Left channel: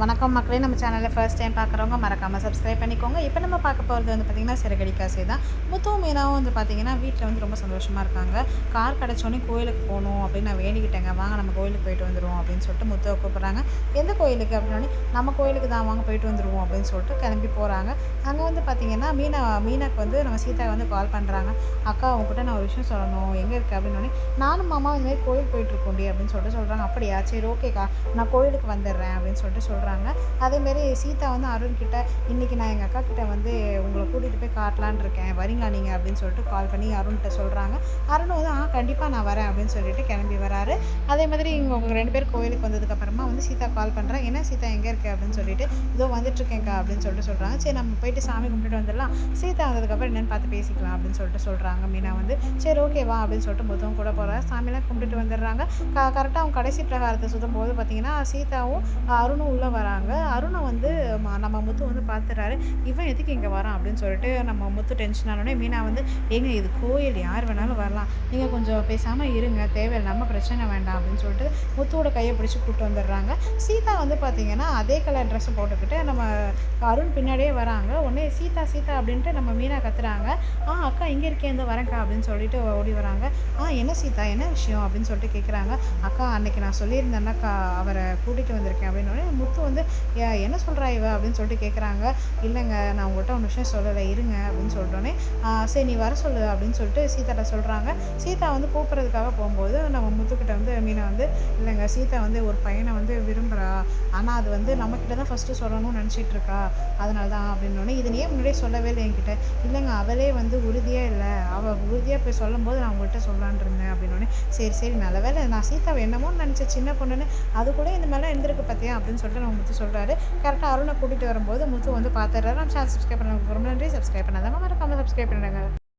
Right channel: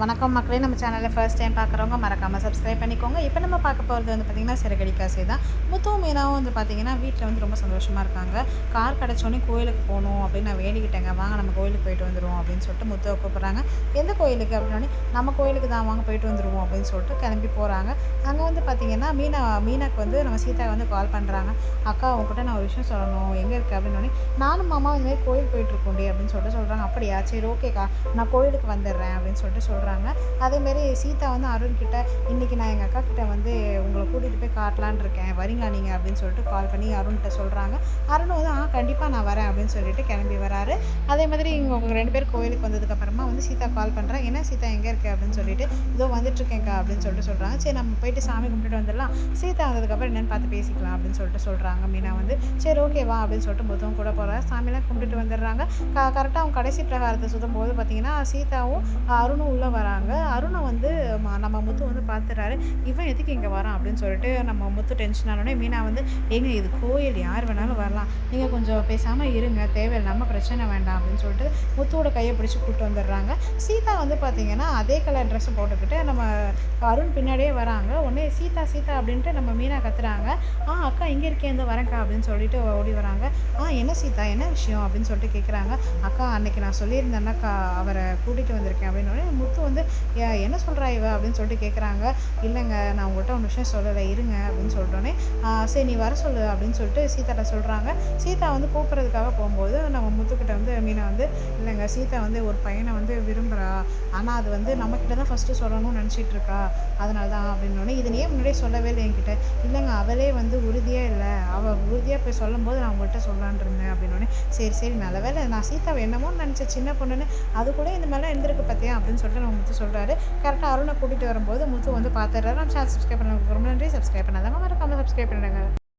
வணக்கம் மக்களே. நம்ம சேனலில் ஃபர்ஸ்ட் டைம் பார்க்குறவங்க மறக்காமல் சப்ஸ்கிரைப் பண்ணிக்கோங்க. இப்போ நம்ம பார்க்க போகிறது வந்து பார்த்திங்கன்னா சிறகடி காசே தான். முத்துவும் மீனாவும் வந்து பார்த்திங்கன்னா வீட்டில் வந்து ரொம்ப சந்தோஷமாக இருக்காங்க. கார் கிடச்சோன்னே கோயிலுக்கு போகணும் அப்படின்னு நான் வேண்டிக்கிட்டேங்க. வாங்க நம்ம கோயிலுக்கு போயிட்டு வந்துடுவோம் அப்படின்னு சொல்லிட்டு முத்துவை கூப்பிட்றாங்க. எந்த கோயிலுக்கு? அப்படின்னே நம்ம கோயிலுக்கு தான் வாங்க போயிட்டு வந்துடுவோம் அப்படின்னு சொல்லிட்டு கிளம்பி போகிறாங்க அங்கே வந்து பார்த்திங்கன்னா மீனா மீனாக்கு வந்து நம்ம சீதா வந்து கால் பண்ணுறாங்க அக்கா அவங்ககிட்ட நான் ஒரு விஷயம் சொல்லணும். எங்கே இருக்குது அப்படின்னோடனே நானும் மாமா இந்த மாதிரி கோயில் போயிட்டுருக்கோண்டி அப்படின்னு சொல்லிட்டு சொல்கிறாங்க அப்படியா? சரி ஓகேக்கா. நான் கோயிலுக்கு வந்துடுறேன் அப்படின்னு சொல்லிட்டு சொல்கிறாங்க அதேமாரி சீதா வந்து அருண் கிட்ட இன்றைக்கி நான் எங்கள் அக்கா கிட்ட வந்து உங்களை கூட்டிகிட்டு போய் காட்டலான் இருக்கேன். வரீங்களா நீங்கள் அப்படின்னு சொல்லிட்டு கால் பண்ணி அருண்கிட்ட சொல்கிறாங்க அருண் வந்து ஆ கண்டிப்பாக நான் வரேன். அப்படின்னு சொல்லிட்டு கிளம்பி வராரு. அதே மாதிரி இங்கே உங்கள் ரெண்டு பேர் கோயிலுக்கு வந்ததுக்கப்புறமா வந்து சீதா கால் பண்ணுறேன் என்ன சீதா எங்கே இருக்கு? அப்படின்னு சொல்லிட்டு இதோ வந்துட்டுருக்கேங்க்கா அப்படின்னு சொல்லிட்டு சொல்கிறாங்க சரி நம்ம போயிட்டு சாமி கும்பிட்டுட்டு வந்துடலாம். சீதா வந்ததுக்கப்புறம் என்னென்னு பார்த்து பேசிக்கலாம். அப்படின்னு சொல்லிட்டு சொல்கிறாங்க மீனா வந்து சரி ஓகே வா. அப்படின்னு சொல்லிட்டு முதுவும் கூட போகிறாரு சாமியெல்லாம் கும்பிட்டுட்டு வந்துடுறாங்க. க கரெக்டாக அவங்க கடைசி பிரகாரத்தை சுற்றும் போது பார்த்தீங்கன்னா சீதாவும் அருணும் உள்ளே வராங்க. அருணை வந்து நம்ம முத்து வந்து பார்த்துறாரு இவன் எதுக்கு இங்கே வரான் அப்படின்னு சொல்லிட்டு நம்ம முத்து டென்ஷன் ஆனோடனே மீனா வந்து ஏங்க இது கோயில் யார் வேணாலும் வரலாம். நீங்கள் கொஞ்சம் பேசாமல் இருங்க. தேவையில்லாமல் பிரச்சனை வேண்டாம் அப்படின்னு சொல்லிட்டு முத்துவோட கையை பிடிச்சி கூப்பிட்டு வந்துடுறாங்க. சீதா வந்து பார்த்தீங்கன்னா அதே கலர் ட்ரெஸ்ஸை போட்டுக்கிட்டு நம்ம அருண் பின்னாடியே வராங்க. உடனே சீதா சீதா அப்படின்ட்டு நம்ம மீனா கத்துறாங்க. ஆ அக்கா இங்கே இருக்கேன். இந்த வரேன்க்கா அப்படின்னு சொல்லிட்டு ஓடி வராங்க. ஆ என்ன சீதா? என்ன விஷயம்? அப்படின்னு சொல்லிட்டு கேட்குறாங்க அக்கா அன்னைக்கு நான் சொல்லியிருந்தேன்னாக்கா அவரை கூட்டிகிட்டு வந்திருக்கேன் அப்படின்னு. உடனே முத்து வந்து என்ன சொல்கிறா இவ? அப்படின்னு சொல்லிட்டு கேட்குறாங்க இல்லைங்க நான் உங்கள்கிட்ட ஒன்று விஷயம் சொல்லலை இருங்க அப்படின்னு சொல்லிட்டோன்னே சரி நீ வர சொல்லு அப்படின்னு சொல்லிட்டு சீதாட்ட சொல்கிறாங்க சீதா வந்து கூப்பிட்றதுக்காக போகும்போது நம்ம முத்துக்கிட்ட வந்து மீனை வந்து இல்லைங்க சீதா வந்து ஒரு பையனை வந்து விரும்புகிறா ஆனால் அது வந்து நம்மக்கிட்ட தான் ஃபஸ்ட்டு சொல்லணும்னு நினச்சிட்டு இருக்கா. அதனால தான் அப்படின்னோடனே இது ஏன் முன்னாடியே சொல்லவே இல்லை என்கிட்ட? இல்லைங்க அவளே வந்து உறுதியாக இல்லை. அவள் உறுதியாக போய் சொல்லும்போது நான் உங்கள்கிட்ட சொல்லான் இருந்தேன் அப்படின்னோடனே சரி சரி நல்ல வேளை நான் சீதாவை என்னமோ நினச்சேன் சின்ன பொண்ணுன்னு. அது கூட இந்த மாதிரிலாம் இருந்திருக்கு பார்த்தியா அப்படின்னு சொல்லிட்டு நம்ம முத்து சொல்கிறாரு கரெக்டாக அருணை கூட்டிகிட்டு வரும்போது முத்து வந்து பார்த்துடுறாரு நம்ம சேனல் சப்ஸ்கிரைப் பண்ண ரொம்ப நன்றி. சப்ஸ்கிரைப் பண்ணாதாங்க மறக்காமல் சப்ஸ்கிரைப் பண்ணுங்க